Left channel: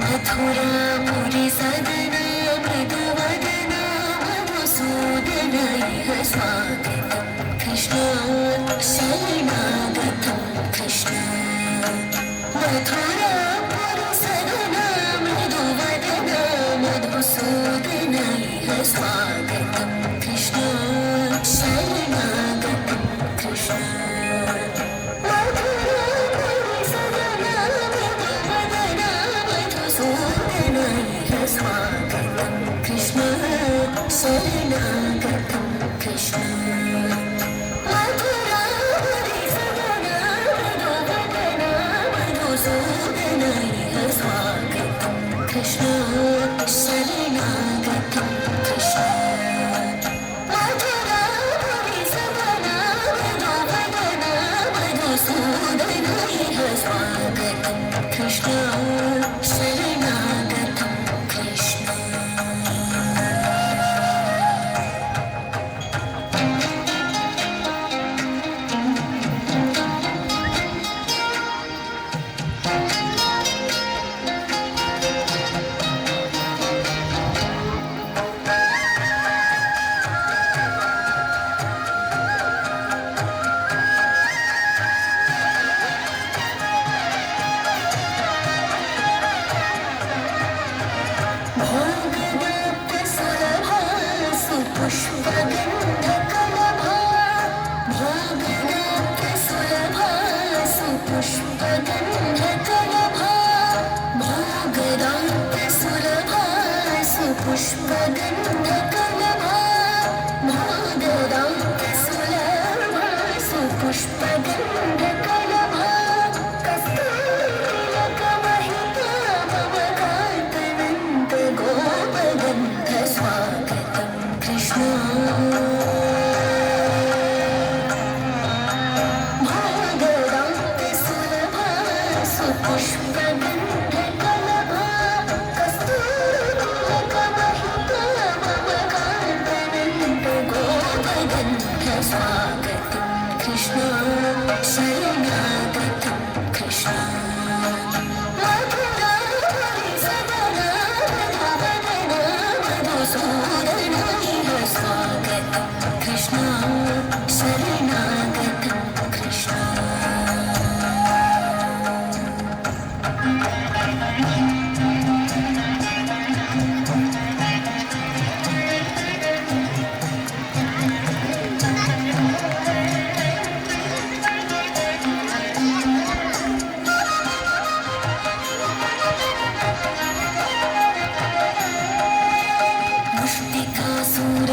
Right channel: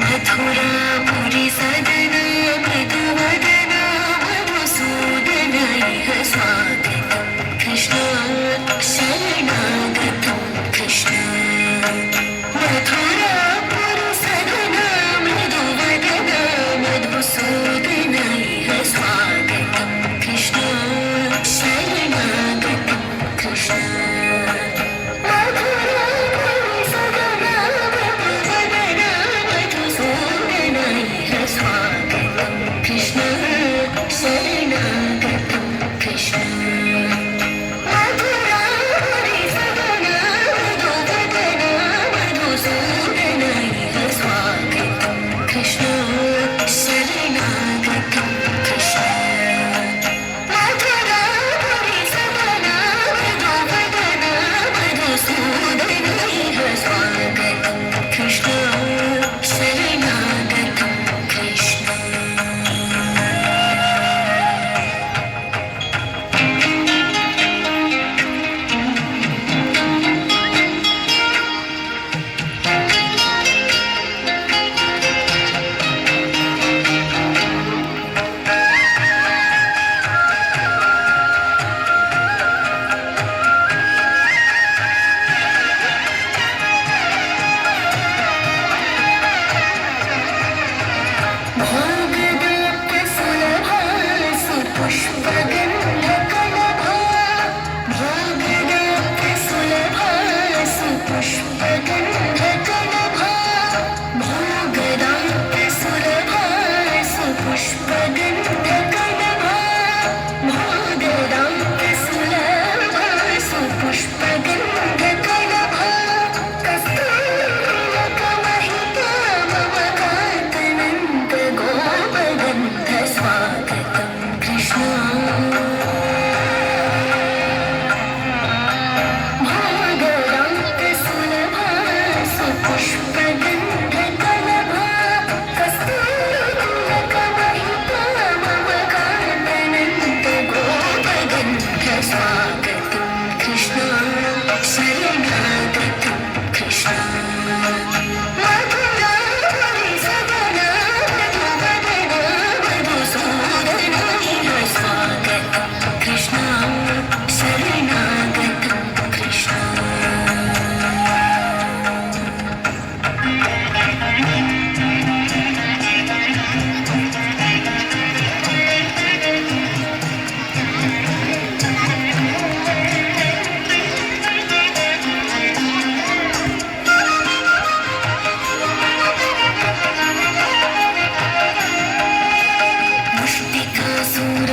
मथुरापुरी सदना मृदुवदना मधुसूदन इह स्वागतं कृष्ण शरणागतं कृष्ण मथुरापुरी सदना मृदुवदना मधुसूदन इह स्वागतं कृष्ण शरणागतं कृष्ण स्वागतं कृष्ण शरणागतं कृष्ण मधुरापुरी सदना मृदुवदना मधुसूदन इह स्वागतं कृष्ण शरणागतं कृष्ण मथुरापुरी सदना मृदुवदना मधुसूदन इह स्वागतं कृष्ण शरणागतं कृष्ण भोगदाप्यसुलभा सुपुष्पगन्धकलभा भोगदाप्यसुलभा सुपुष्पगन्धकलभा भोगदाप्यसुलभा सुपुष्पगन्धकलभा भोगदाप्यसुलभा सुपुष्पगन्धकलभा कस्तूरिलकमहिता मम कान्तनन्त गोपगन्ध स्वागतं कृष्ण भोगदाप्यसुलभा सुपुष्पगन्धकलभा कस्तूरिलकमहिता मम कान्तनन्त गोपगन्ध स्वागतं कृष्ण शरणागतं कृष्ण मथुरापुरी सदना मृदुवदना मधुसूदन इह स्वागतं कृष्ण शरणागतं कृष्ण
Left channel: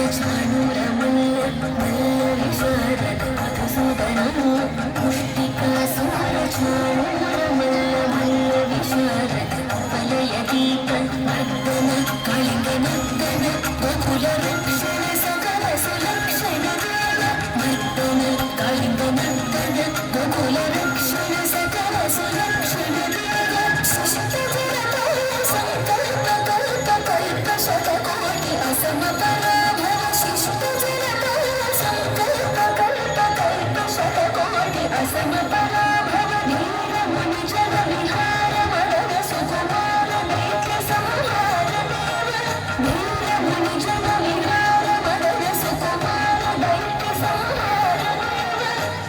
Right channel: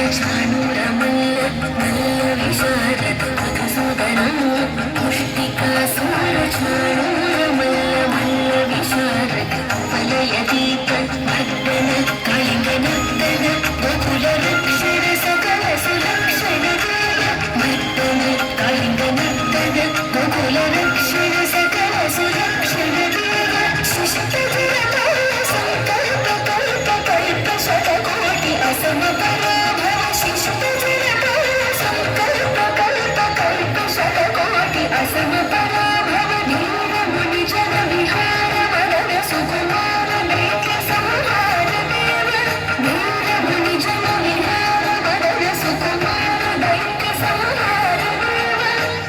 मुष्टिकासुरचाणूरमल्ल मल्लविशारद मधुसूदनं मुष्टिकासुरचाणूरमल्ल मल्लविशारद वलयदीप भद्दन कालिङ्गनर्दन वकुलरक्षण सकल सुलक्षण भद्दन कालिङ्गनर्दन वकुलरक्षण सकल सुलक्षण सुष्टुजनकाल सङ्कल्पकल्पकल्प शतकोटि असमपराभव शिष्टुजनकाल सङ्कल्पकल्पकल्प शतकोटि असमपराभव नीलमुनिजन विहार मदन सुकुमार नेत्र संहार देव नीलमुनिजन विहार मदन सुकुमार दैत्य संहार देव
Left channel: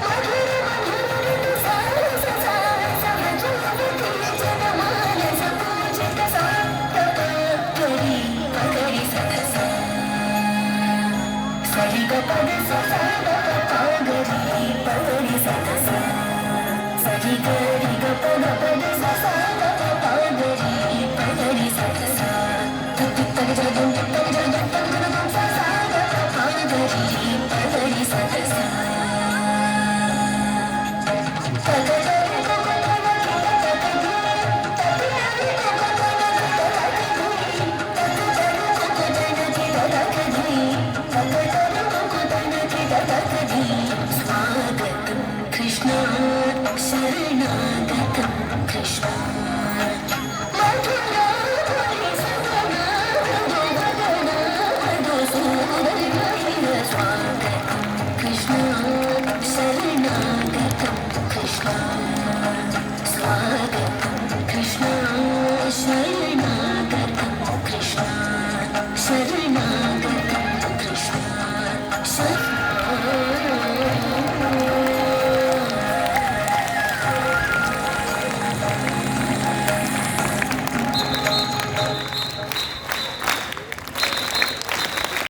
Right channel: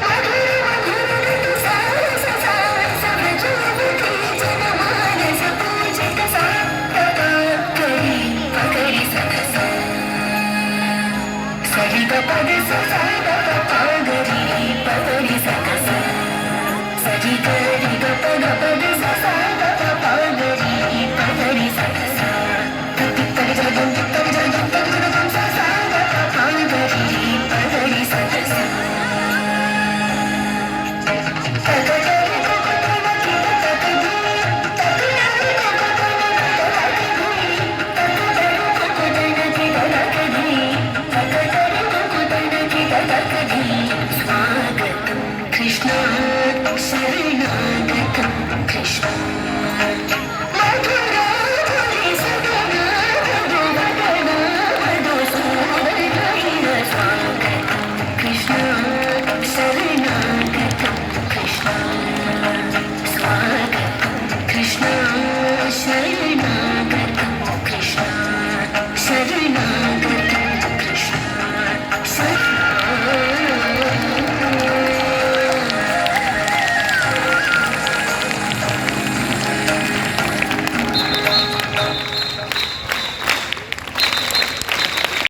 मधुर मधुर ऋतु सारस सारस भजोवती जनमानस पूजित सात्तका करी पकड़ी सदसा सरि ग पद सा ग पगरी पगड़ी सदसा सरि ग रि ग पद सा ग पगरी पगड़ी सदसा तक तक जदम तक जदम